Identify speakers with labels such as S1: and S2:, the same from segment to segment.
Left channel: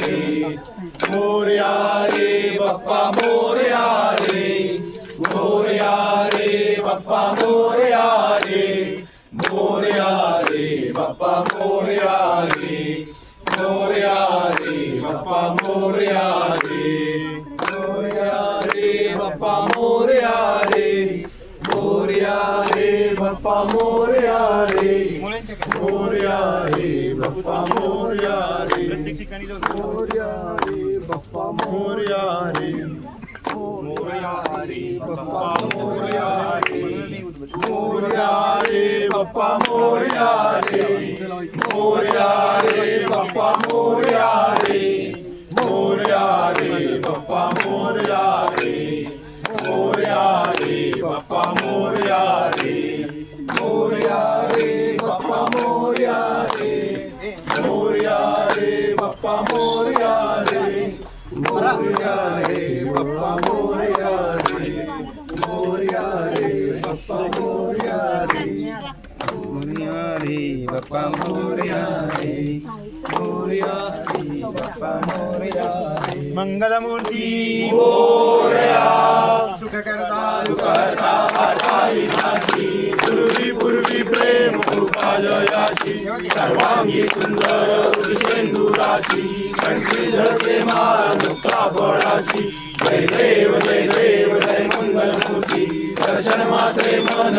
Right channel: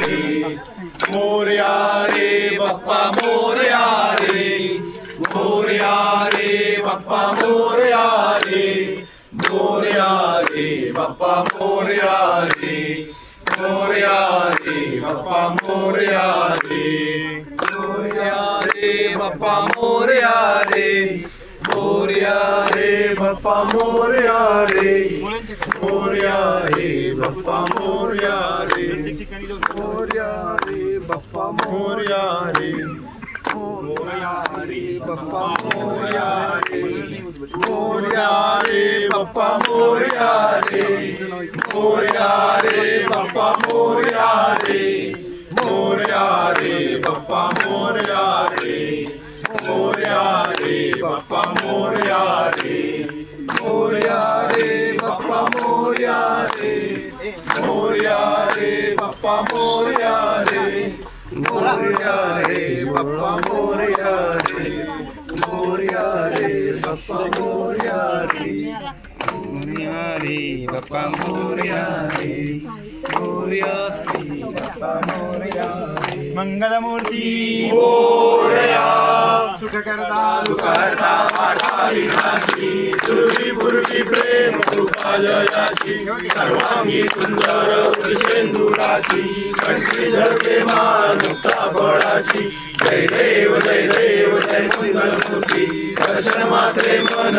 S1: रे मोरया रे बाप्पा मोरया रे मोरया रे बाप्पा मोर्या रे मोरया रे बाप्पा मोरया रे मोरया रे बाप्पा मोरया रे मोरया रे बाप्पा मोरया रे मोरया रे बाप्पा मोरया रे मोरया रे बाप्पा मोरया रे. मोरया रे बाप्पा मोरया रे. मोरया रे बाप्पा मोरया रे. मोरया रे बाप्पा मोरया रे. मोरया रे बाप्पा मोरया रे. मोरया रे बाप्पा मोरया रे. रे बाप्पा मोरया रे मोरया रे बाप्पा मोरया रे मोरया रे बाप्पा मोरया रे मोरया रे बाप्पा मोरया रे
S2: मंगलमूर्ती।
S1: मोरया
S2: सुख करता
S1: करता पाठाली नाची प्रेम कृपा जयाची सर्वांगी सुंदर वृषेंदुराची कंठी झळके मान मुक्ता फळाची जय देव जय देव जय मंगल मूर्ती दर्शन मात्रे मन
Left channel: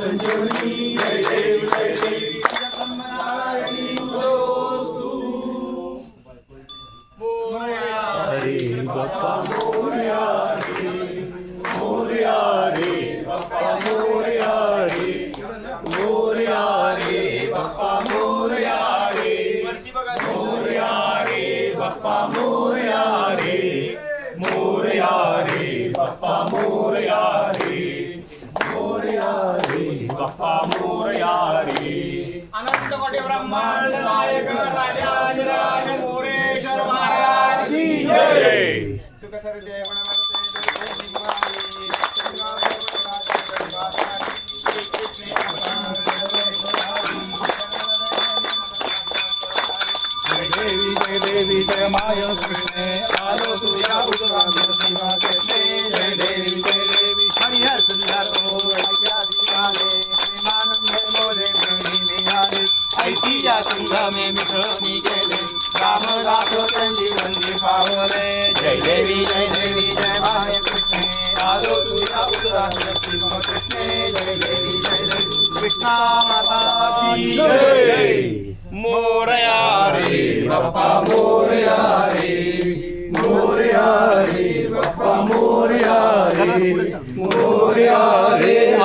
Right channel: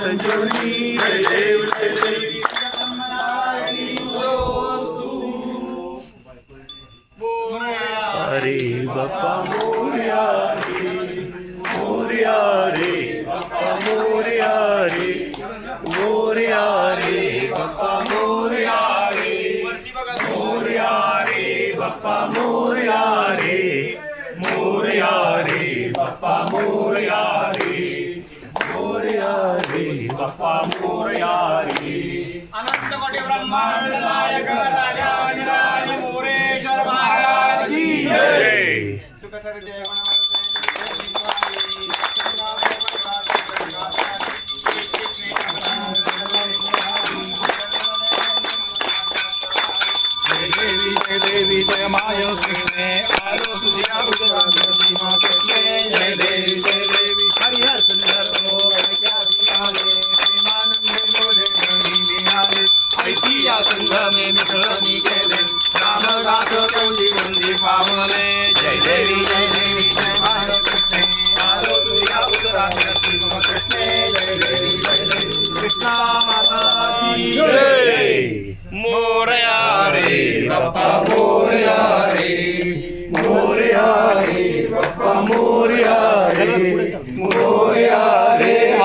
S2: संजीवनी मोरया
S3: अनंत कोटी ब्रह्मांड नायक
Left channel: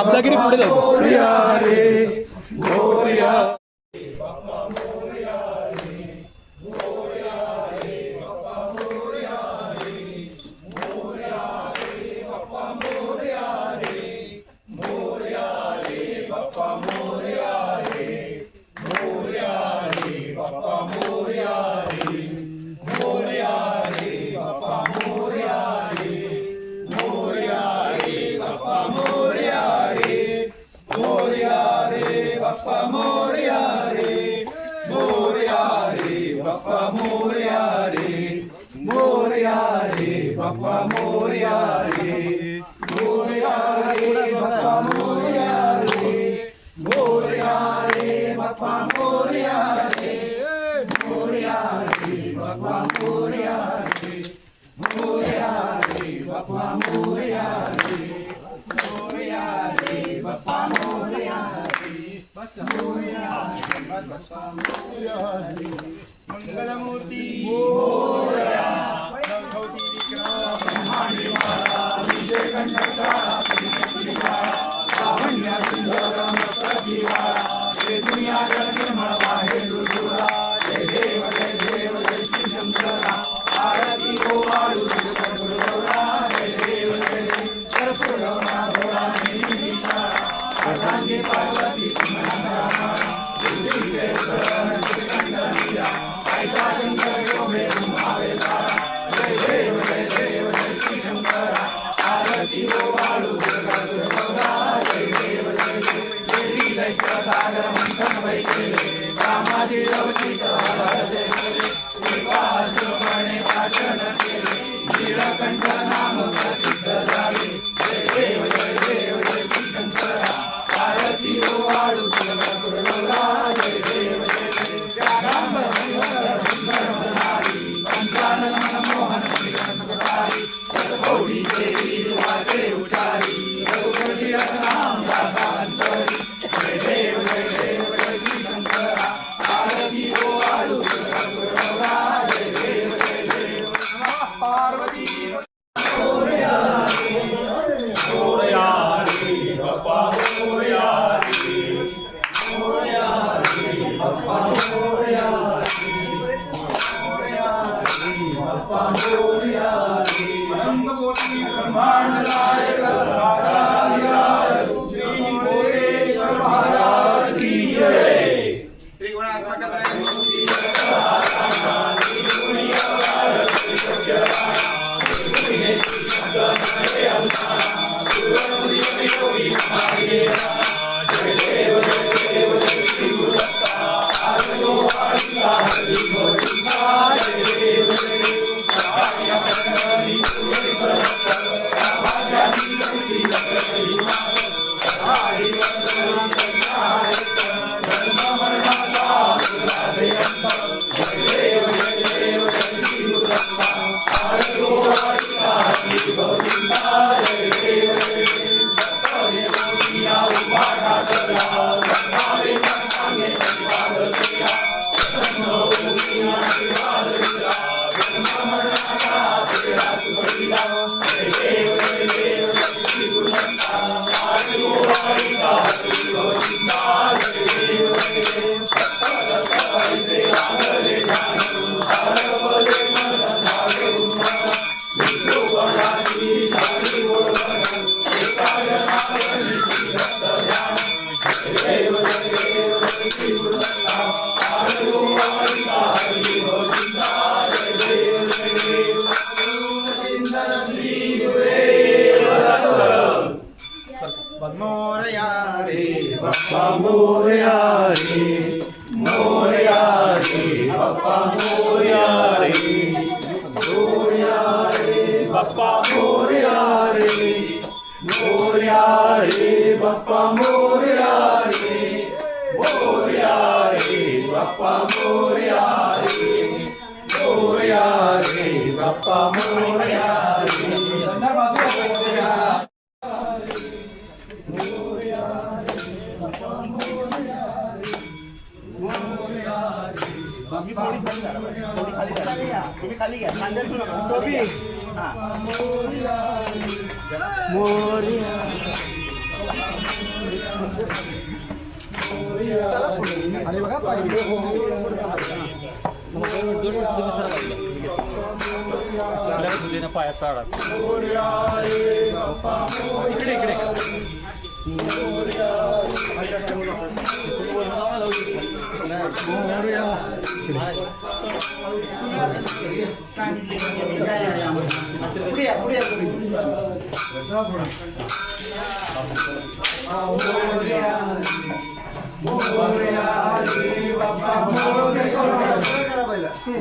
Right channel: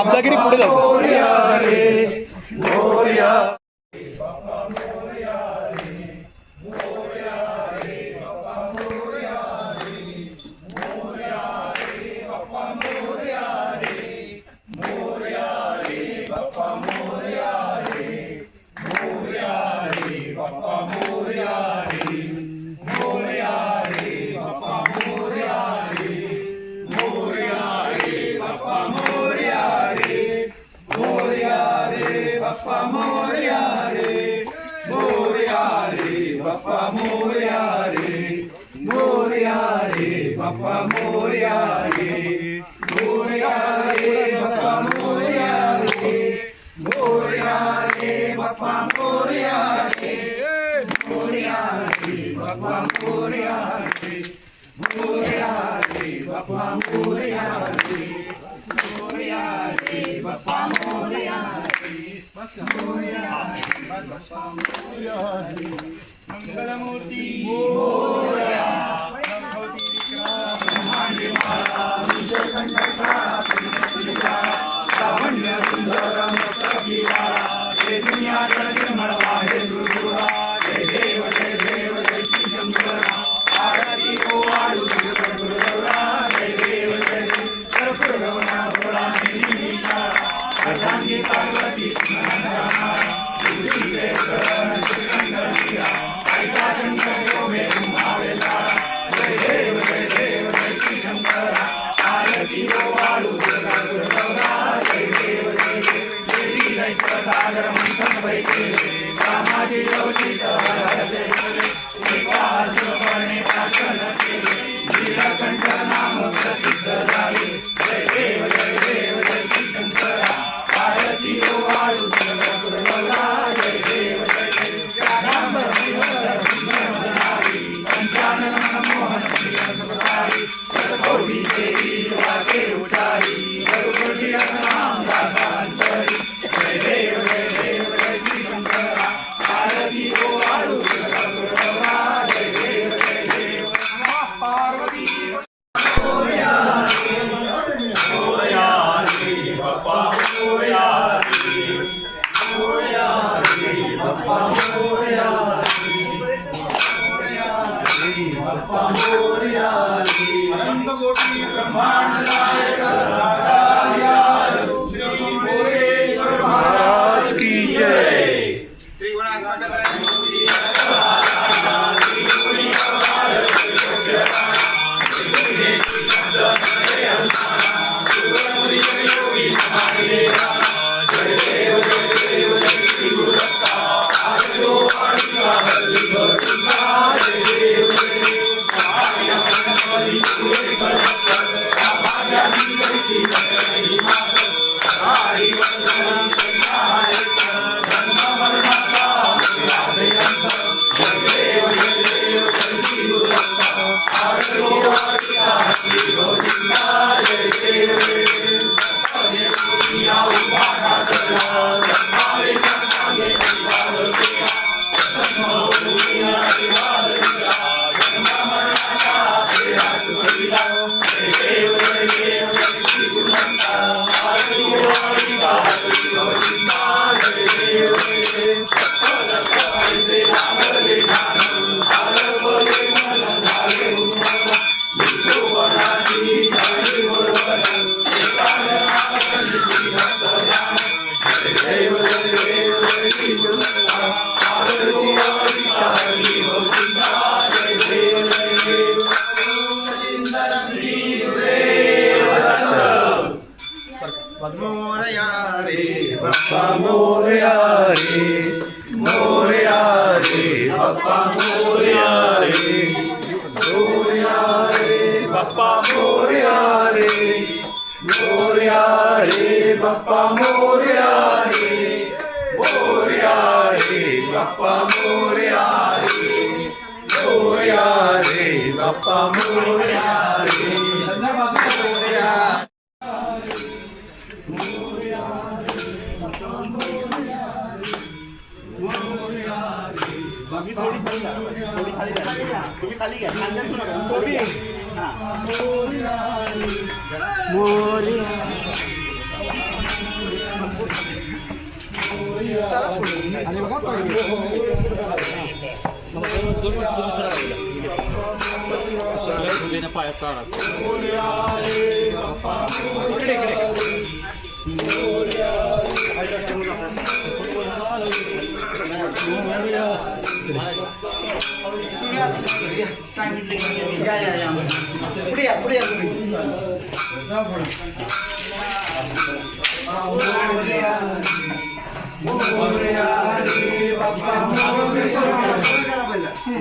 S4: रे
S2: आपदागिरी पुढे जाऊ
S3: मोरया रे मोरया
S1: मंगलमूर्ती मोरया लंघवती विक्रम पार्वती Thank you.
S3: बाप्पा मोर्या. थोडी तुम्ही खाली घ्या तुम्ही
S1: मोर्या. आणि बघा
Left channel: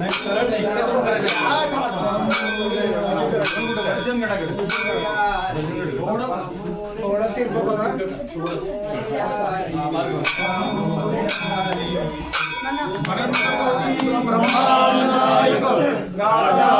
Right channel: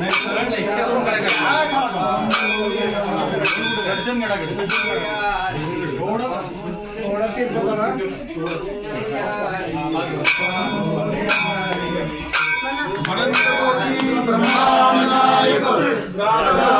S1: Next time, next time. Brahma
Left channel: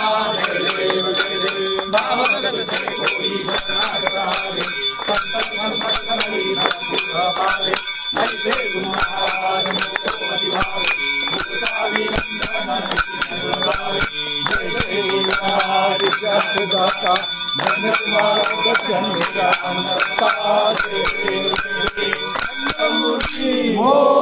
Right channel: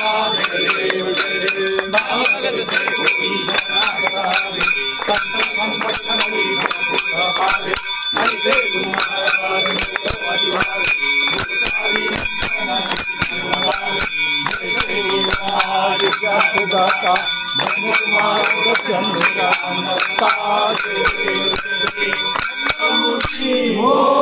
S1: Oh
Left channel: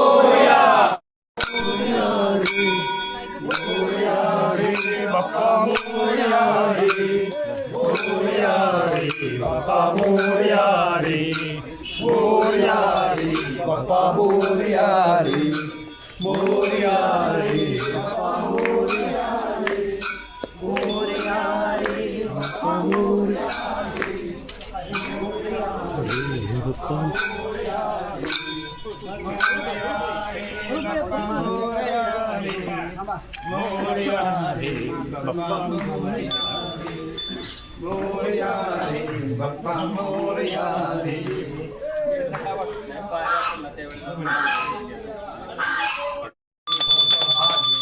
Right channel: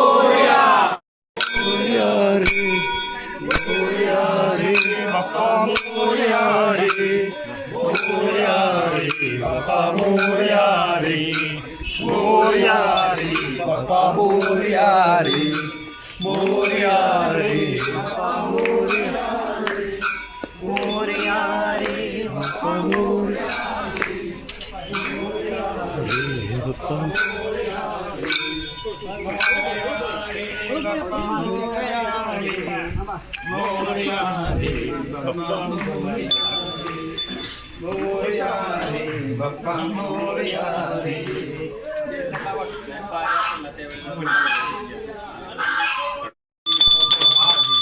S1: மோரியாரே அப்பா மோரியாரே மோரியாரே அப்பா மோரியாரே மோரியாரே அப்பா மோரியாரே அப்பா மோரியாரே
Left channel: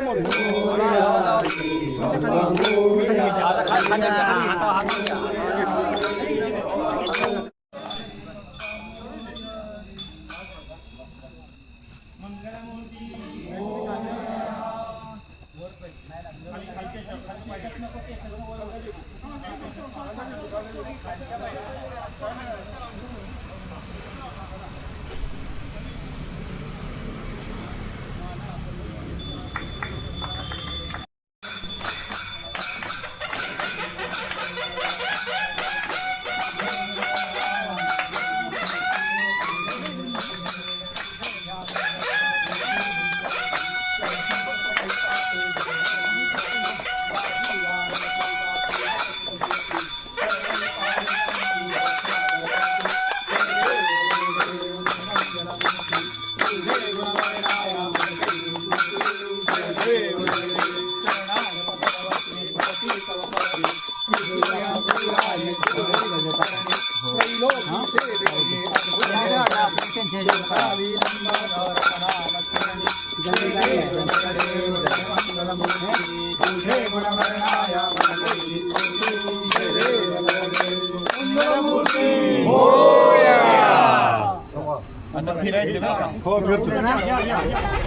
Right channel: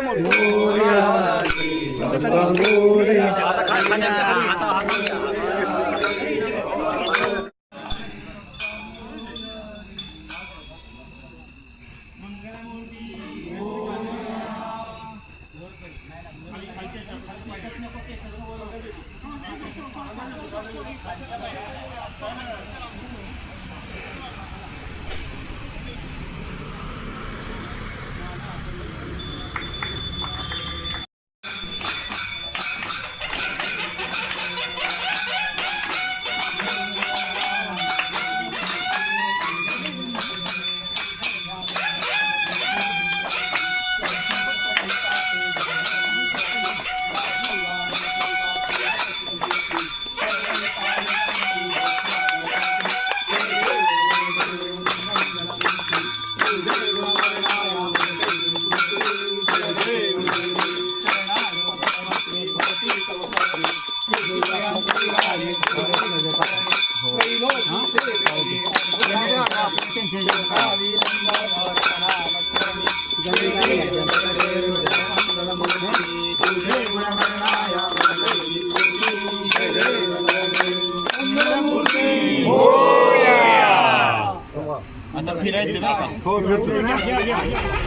S2: 뭐.
S1: 아, 나 가, 가,
S2: 가. फिरायचं हो फिरतो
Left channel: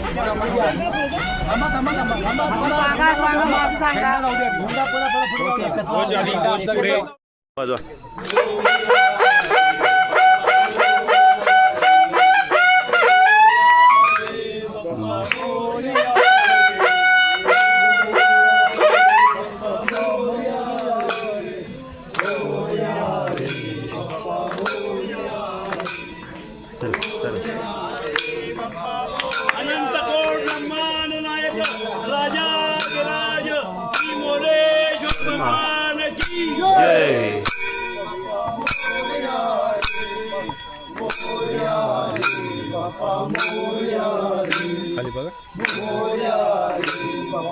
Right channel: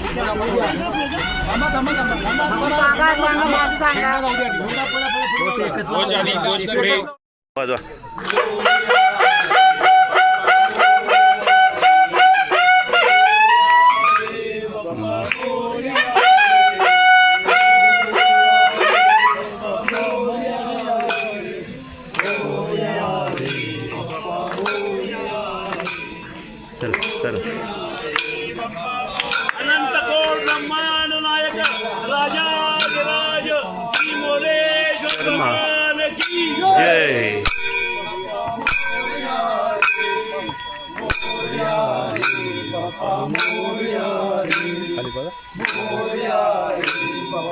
S2: খালি পাবে বাবা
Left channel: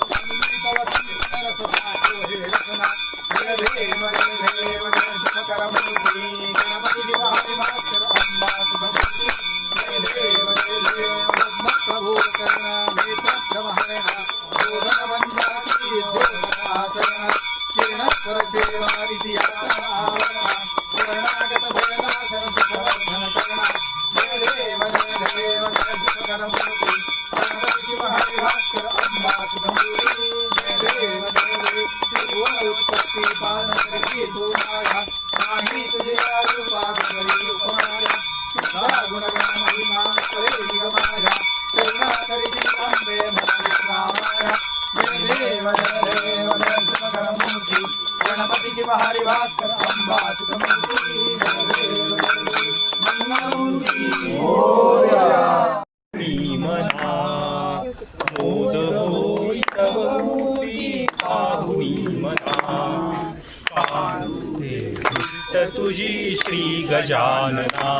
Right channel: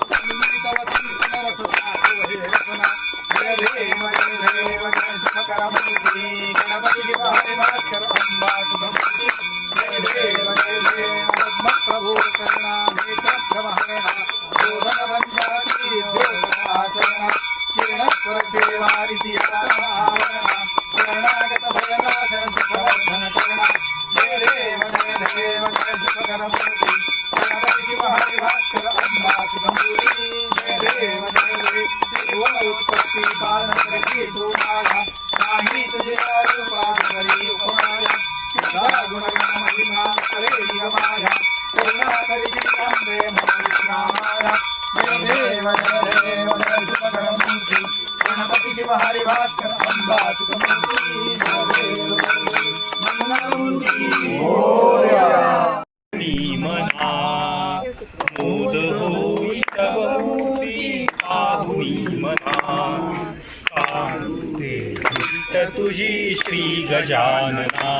S2: तुझी श्री गजानना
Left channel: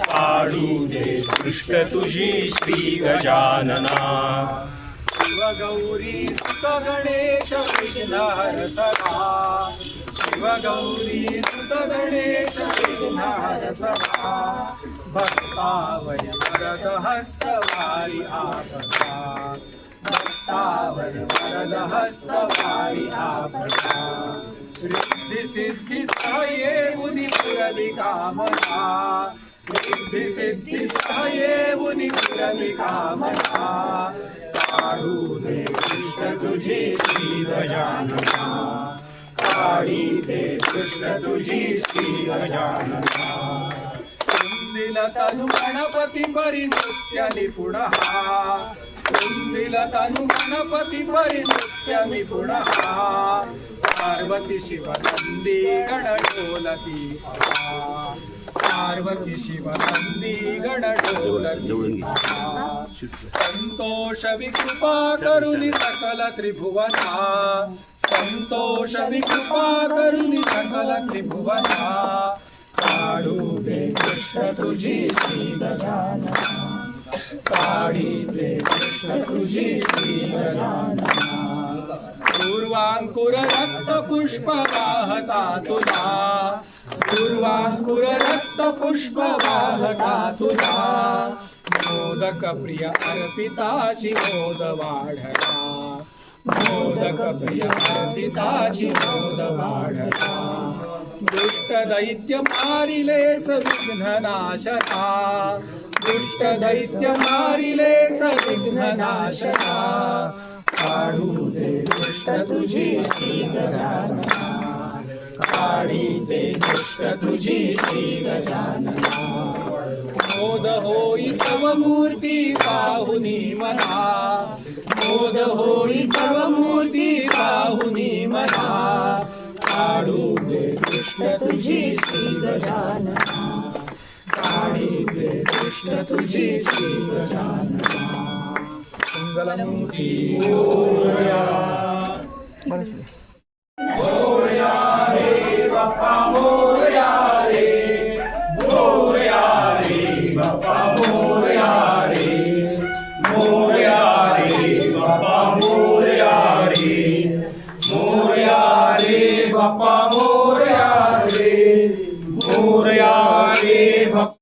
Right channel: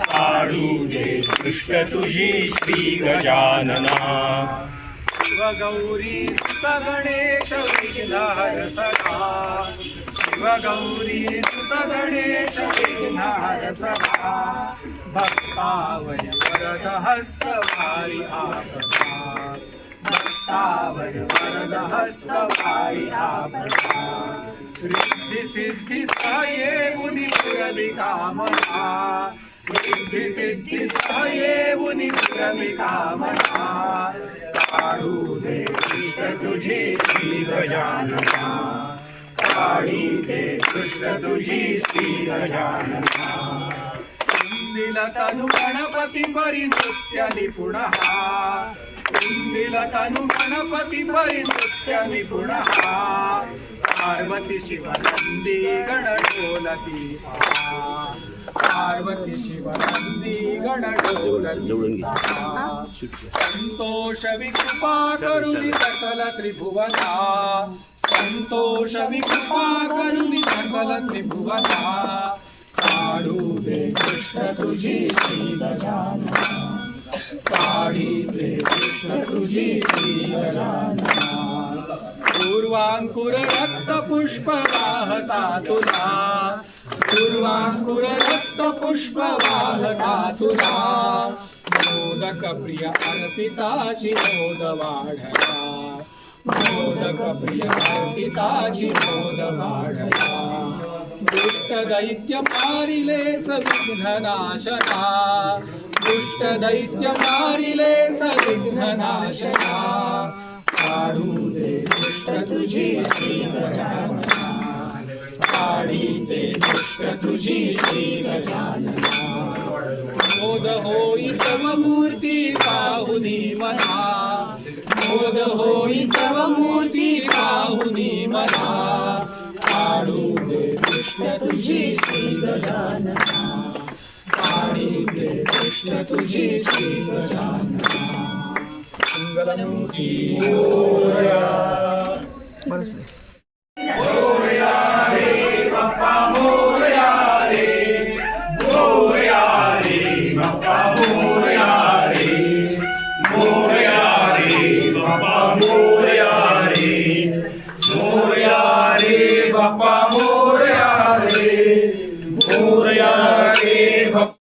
S2: काळू दे दृष्ट तुझी श्री गजानना गौरी सुत गणेश विघ्नहर सदा शिवगौरी सुत गणेश विघ्नहर सदा भक्तावय वरद हस्त वारी आपदा। भक्तावय वरद हस्त वारी आपदा। सिद्धी साये मुनि पुरवी कामना సిద్ధి సిద్ధి సాయేవుని పురమి కామన కాడు కృష్ణ తుజీ శ్రీరజాననా. కాళీ దే కృష్ణ తుజీ శ్రీరజాననా. కుందిల తను గణపతి పరి నృత్య నిపుణ. కుందిల తను గణపతి పరి నృత్య నిపుణ. పార్వతి శివ నంది గడడోలతి పార్వతి శివ నంది గడడోలతి సంతోష వికృపాకరుని సకల త్రిభువన సంతోష వికృపాకరుని సకల త్రిభువన కాడుదే కృష్ణ తుజీ శ్రీలజాన కాళీ కృష్ణ తుజీ శ్రీలజాన पूर्वांकुर रक्त पुष्प वाहता तुला. पूर्वांकुर रक्त पुष्प वाहता तुला. मोदक प्रिय अर्पिताची मोद वाढला मोदक प्रिय अर्पिताची मोद वाढला दुष्ट दैत्य मारिले सविघ्ननाशना दुष्ट दैत्य मारिले सविघ्ननाशना काढू दे दुष्ट तुझी श्री गजानना काढी दे दुष्ट तुझी श्री गजानना मोद होई तव मूर्ती पाहुनी मना. मोद होई तव मूर्ती पाहुनी मना. काढू दे कृष्ण तुझी श्री गजानना काढू दे कृष्ण तुझी श्री गजानना मंगलमूर्ती मोरया
S1: मोरया